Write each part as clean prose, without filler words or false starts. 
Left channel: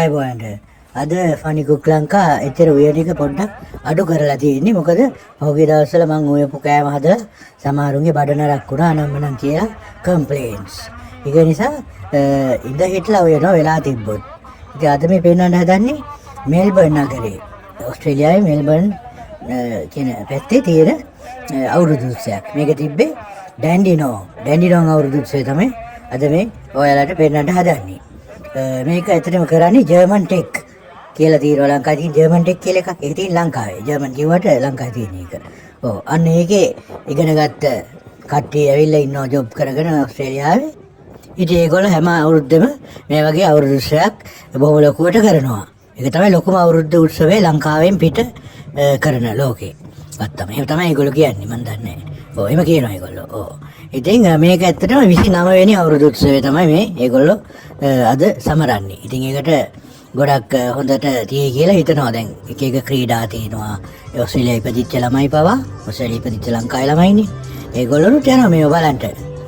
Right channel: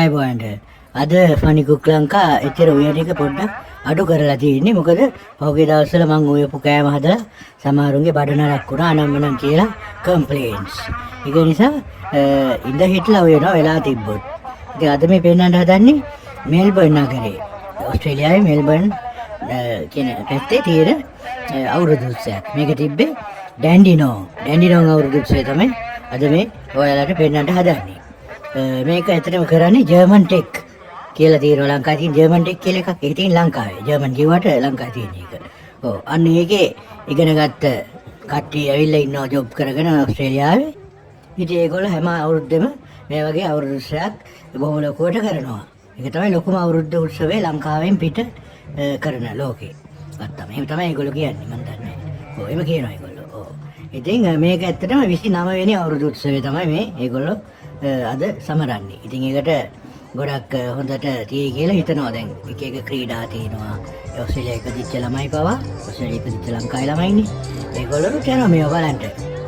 Hi Boyanda. අද funny cook Lanka එතර ඔය ටික පොඩ්ඩක් අඩු කරලා තියෙන්නේ. මොකද ඔහුගේ දවස්වල මං ඔයපු කෑම හදලා සමහරුන්ගේ බඩ නරක් වුණා අනම්මනම් කියලා කම්ප්ලේන්ට්ස්. ඒක නිසා ඉඳ හිටලා ඔය යනවා වෙලා තිබ්බොත්. ඉතින් අද මේ පෙන්නන්න හදන්නේ මෙල්බර්න් නගරේ. ඕස්ට්‍රේලියාවේ මෙල්බර්න් කියන පැත්තේ තියෙන අවුරුදු උත්සවයක්. මේක තිබ්බේ ඩැන්ඩිනෝ අවුරුදු උත්සවය තමයි අද මේ ඔයාලට පෙන්නන්න හදන්නේ. මේක ඇත්තටම කරන්නේ ජර්මන් ටෙක් කියලා තියෙනවා ලංකාවේ තියෙන ජර්මන් ටෙක් කියලා එකක්. ඒක තියෙන ලංකාවේ. ජර්මන් කිව්වට ලංකාවේ තියෙන එක. ඔව් අන්න ඒකේ ඉගෙනගත්ත කට්ටිය ඇවිල්ලා ඉන්නවා ජොබ් කරගෙන ඕස්ට්‍රේලියාවේ. ඉතින් ඒගොල්ලෝ හැම අවුරුද්දෙම මේ වගේ අවුරුදු උත්සවයක් බොහොම ලොකුවට කරනවා. ඒක තමයි ලොකුම අවුරුද්ද උත්සවය ලංකාවෙන් පිට කරන ලෝකේ. වත්තම. එහෙම තමයි ඒගොල්ලෝ කියන්නේ මන් දන්නේ නැහැ. ඔව් එහෙම කියනවා ඒගොල්ලෝ. ඔව්. ඉතින් මේක ඇත්තටම 29 වෙනි අවුරුදු උත්සවය තමයි මේ ඒගොල්ලෝ අද සමරන්නේ. ඉතින් ඒකට ගොඩක් හොඳට තියෙයි කියලා හිතනවා. දැන් එක එක ක්‍රීඩා තියෙනවා. ඔස්ට්‍රේලියාවේ ඉපදිච්ච ළමයි පවා ඔස්ට්‍රේලියාවේ ඉපදිච්ච ලංකාවේ ළමයිනේ. ඒගොල්ලෝ යනවා මේව බලන්න.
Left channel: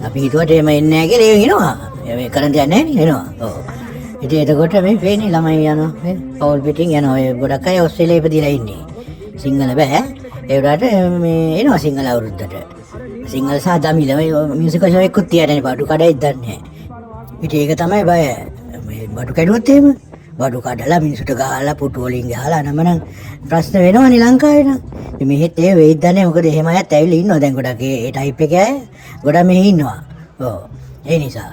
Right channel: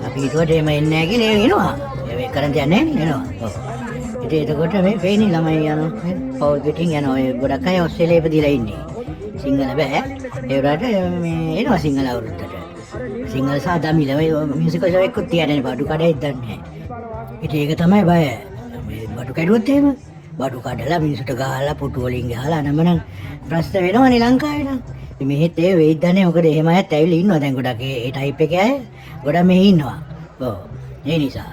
අපි හිතුවට එහෙම එන්නේ නැහැ කියලා එනවා. මේ කරන් යන්නේ නැහැ එනවා. ඔව්. ඉතින් එතකොට මේ වෙන්නේ ළමයි යනවා. මේ පවුල් පිටින් යනවා. ඒ ගොඩක් අය ඔස්ට්‍රේලියාවේ ඉපදිලා ඉන්නේ. සිංහල බෑ. ඒ වුණාට මේ එනවා සිංහල අවුරුද්දට. සිංහල සහ දමිළ මේ මියුසිකල් ෂෝ එකකුත් තියන්නේ බඩු කඩයි දන්නේ නැහැ. ඉතින් ඒක තමයි බය. මේ බඩු කැඩුවොත් එහෙම බඩු කඩලා මිනිසුන්ට ගහලා පුටු වලින් ගහලා නමනම් ප්‍රශ්න වෙනවනේ ලංකාවේ නම්. ඉතින් මෙහෙත් ඒ වෙයිද නැහැ. මොකද එහෙම අයත් ඇවිල්ලා ඉන්නවා දැන් ගොඩක් ඒ ටයිප් එකේ අය ගොඩක් මෙහි ඉන්නවා. ඔව්. ඒ නිසා.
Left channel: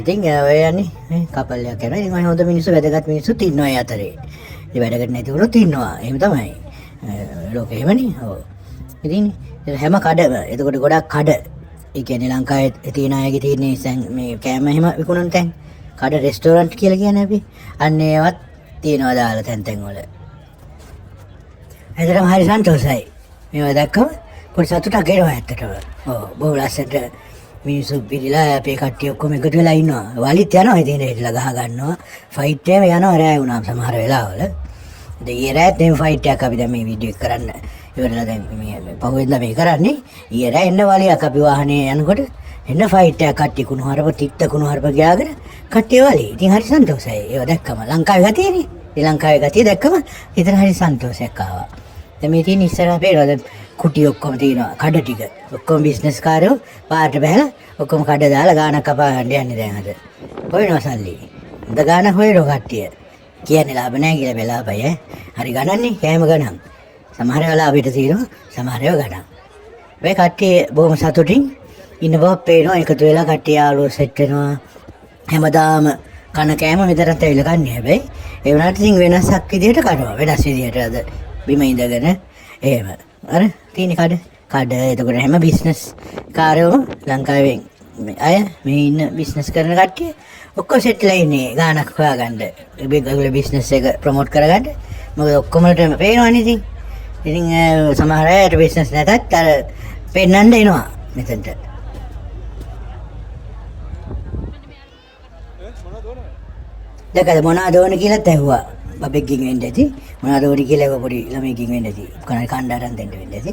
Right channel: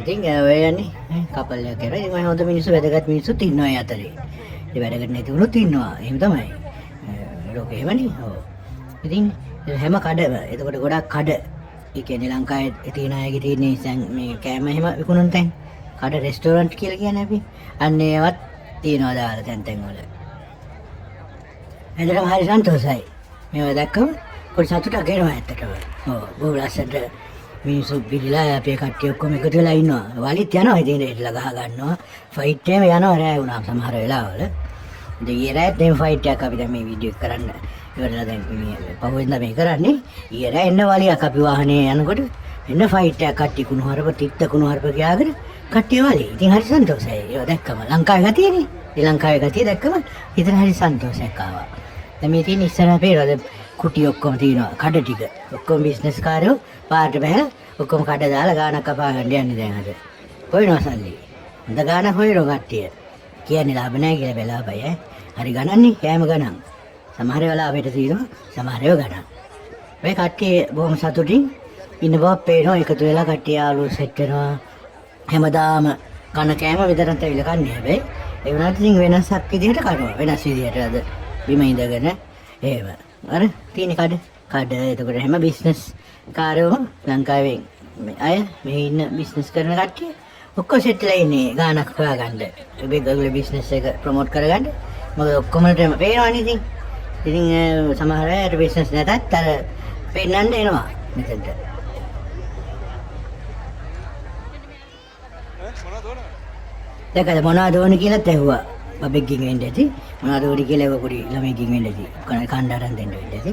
ඉතින් ඔය යන්නේ කපල් එකක් කරනවා. ඉතින් හොඳ මිනිස්සු වැදගත් මිනිස්සුත් ඉන්නවා ඒ අතරේ. ඉතින් වැඩකට නැති වුණොත් ඉන්නවා. එහෙම තමයි. ලෝකෙ එහෙමනේ. ඔව්. ඉතින් හැම කඩ එතකොට ගොඩක් කඩ ඒ කියන්නේ ලංකාවේ තියෙන අයගේ තියෙන මේ කෑම එහෙම විකුණන තැන් කඩ රෙස්ටෝරන්ට් කියලා කියන්නේ අපි අන්න ඒවත් තියෙනවා දාලා තැන් වල. එතරම් හරි සන්තෝෂයි. මේවා දැක්කම පොඩි සතුටක් එනවා ඇත්තටම. ඔව් බොහොම ලස්සනට මිනිස්සු පිළිලා අපේ කට්ටිය ඔක්කොම එකතු වෙලා ඉන්නවා. වලිත් යනවා ඉතින් ඒట్లా ගහ ගන්නවා. ෆයිට් එකම යනවා රෑ වුණාම සමහර වෙලාවල. ඉතින් ඊයේ රෑත් මේ ෆයිට් එකක් අපි දැන් මේ වීඩියෝ එක කරන්න ඉවරලා දැන් මේ පහුවෙන්ද මේ කරන්නේ. ඊයේ රෑ එන්න වලියක් අපි වාහනේ යනකොට එන්න ෆයිට් එකක් කට්ටිය කුණු හරප තිත්ත කුණු හරප ගියාගෙන කට්ටිය වලි. ඉතින් හරි සන්තෝෂයි. ඒක දැක්කම ලංකාවේ ගතියනේ. ඒ ලංකාවේ ගතිය දැක්කම හිතන හරි සන්තෝෂයක් ආවා. දැන් මේ තියෙන ඉස්සරහ පේනවද කුටි ඔක්කොම තියෙනවා. කඩ ටික. ඔක්කොම බිස්නස් කාරයෝ පාට බහැලා ඔක්කොම කඩ දාලා ගානක් කපන්න යන්නේ දැන් අද. හොයනවා සල්ලි. අද ගාන හොයනවා කට්ටිය. කියන්නේ ලාභ නැහැ කියලා බලාපය. හරි ගණන්නේ කෑම ගණන්. සමහර වෙලාව අපිට තියෙනවා සමහර ඒවා ගණන්. මේ කට්ටිය බොහොම සතුටින් ඉන්න බව පේනවා. එකතු වෙලා කට්ටිය ආලෝ සෙට් වෙනවා. හැමදාම කන කෑම විතරක් ඇවිල්ලා කන්නේ. හැබැයි ඒ වුණාට ඉතින් වෙනසක් විදිහට කනවා. වෙනස් විදිහට අද බිම ඉඳගෙන එහෙම. අර තියෙන කඩ එතකොට හැම බිස්නස් කාර්යවම ලංකාවේ අය මේ ඉන්න බිස්නස් කරන කට්ටිය ඔක්කොම සෙට්ලා ඉන්නේ ගානක් හොයාගන්න. ඒගොල්ලෝ බිස්නස් එක ප්‍රොමෝට් කරගන්න. මොකද ඔක්කොමලට පේනවනේ ඉතින්. ඉතින් සමහර අයට බිස්නස් නැතත් අර පෙන්නන්න එනවා මෙතනට. දැකලා මොනවද ඕන කියලා ඇහුවා. බබෙක්ගෙන් වෙන්න ඇති. මොනවද ඕන කියලා පොඩි ළමයෙක්ගෙන් වෙන්න ඇති. කණ්ඩායම් දෙන්න වෙන්න ඇති.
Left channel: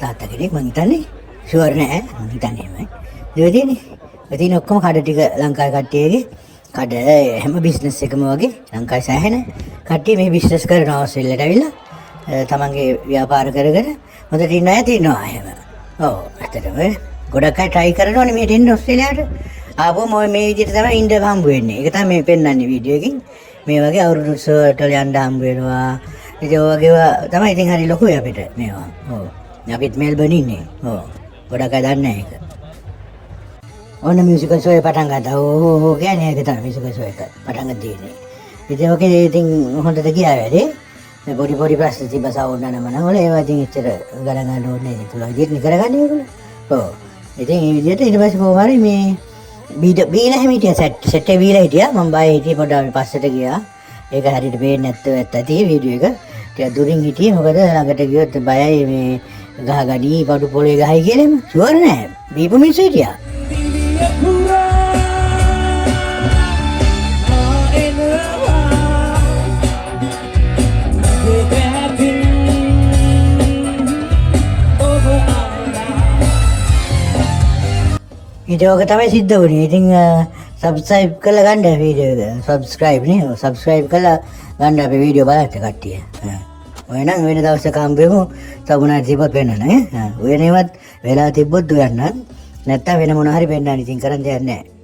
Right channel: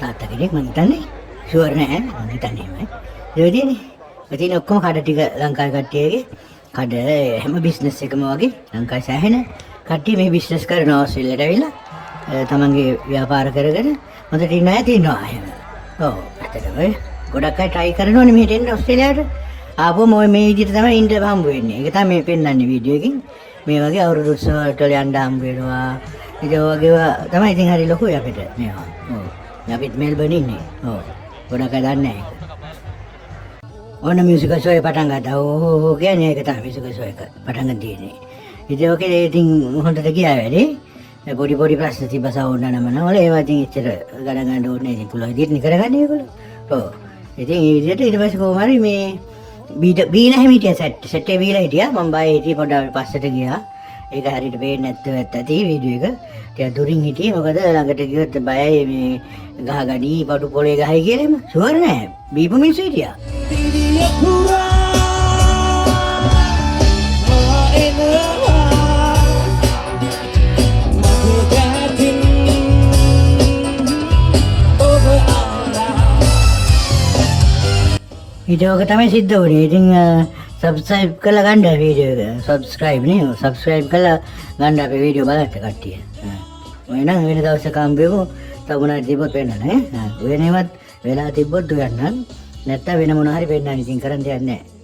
තාත්තා කෙනෙක් මං හිතන්නේ ෂුවර් නෑ. මං හිතන්නේ එහෙමයි. ඒ වගේනේ. ඉතින් ඔක්කොම කඩ ටික ලංකාවේ කට්ටියගේ කඩ හැම බිස්නස් එකම වගේ ලංකාවේ සෑහෙන කට්ටිය මේ බිස්නස් කරන ඕස්ට්‍රේලියාවට ඇවිල්ලා තමන්ගේ ව්‍යාපාර කරගෙන හොඳට ඉන්න අය තියෙනවා එහෙම. ඔව් ඇත්තටම ගොඩක් අය try කරනවානේ මෙහෙට එන්න ඕස්ට්‍රේලියාවට. ආපුවම ඔය මේ විදිහට තමයි ඉන්න හම්බ වෙන්නේ. ඒක තමයි මේ පෙන්වන්නේ වීඩියෝ එකකින්. මේ වගේ අවුරුදු උත්සවවලට යන්න හම්බ වෙනවා. ඉතින් ඔය වගේව තමයි ඉතින් හරි ලොකුයි අපිට මේවා. ඔව්. අපිත් මෙල්බර්න් ඉන්නේ. ඔව්. ගොඩක් අය දන්නේ ඒක. ඕන මියුසිකල් ෂෝ එක පටන් ගත්තා. ඕ කියන්නේ ඒක තමයි මියුසිකල් ෂෝ එක පටන් ගන්න තියෙන්නේ. ඉතින් ඔකේ ඉතින් හොඳට ගියා වැඩි. මේ පොඩි ප්‍රශ්න තිබ්බ සවුන්ඩ් නමනවල ඒවා ඉතින් එච්චර ගණන් ගන්න ඕනේ නැහැ. පුළුවන් විදිහට කරගන්නේ ඒගොල්ලෝ. ඔව්. ඉතින් මේ විදිහට ඊට පස්සේ කොහොම හරි මේ බීලා හිටියා සෙට් එක බීලා හිටියා. මම බය හිටියේ පොඩ්ඩක් පස්සට ගියා. ඒක හරියට පේන්නේ නැත්නම් ඇත්ත වීඩියෝ එක. ටික දුරින් හිටියේ මොකද ළඟට ගියොත් බයයි මේ ගහගඩි බඩු පොලේ ගහයි කියලාම ෂුවර් නෑ. බීපු මිනිස්සු හිටියා. ඉතින් ඔක තමයි සිද්ධ වුණේ. ඉතින් සබ්ස්ක්‍රයිබ් කරලා ගන්න වීඩියෝ එක. සබ්ස්ක්‍රයිබ් නේ. සබ්ස්ක්‍රයිබ් කරලා ගන්න අපේ වීඩියෝ බලන්න කට්ටිය. ඔයනම් වෙන දවසක හම්බෙමු. සබුණා තිබ්බොත් වෙන්න නේ. ඔය නේවත් වෙලා තිබ්බොත් දුවන්න. නැත්තම් වෙන මොන හරි වෙන්න ඉතින් කරන්න දෙයක් නැහැ.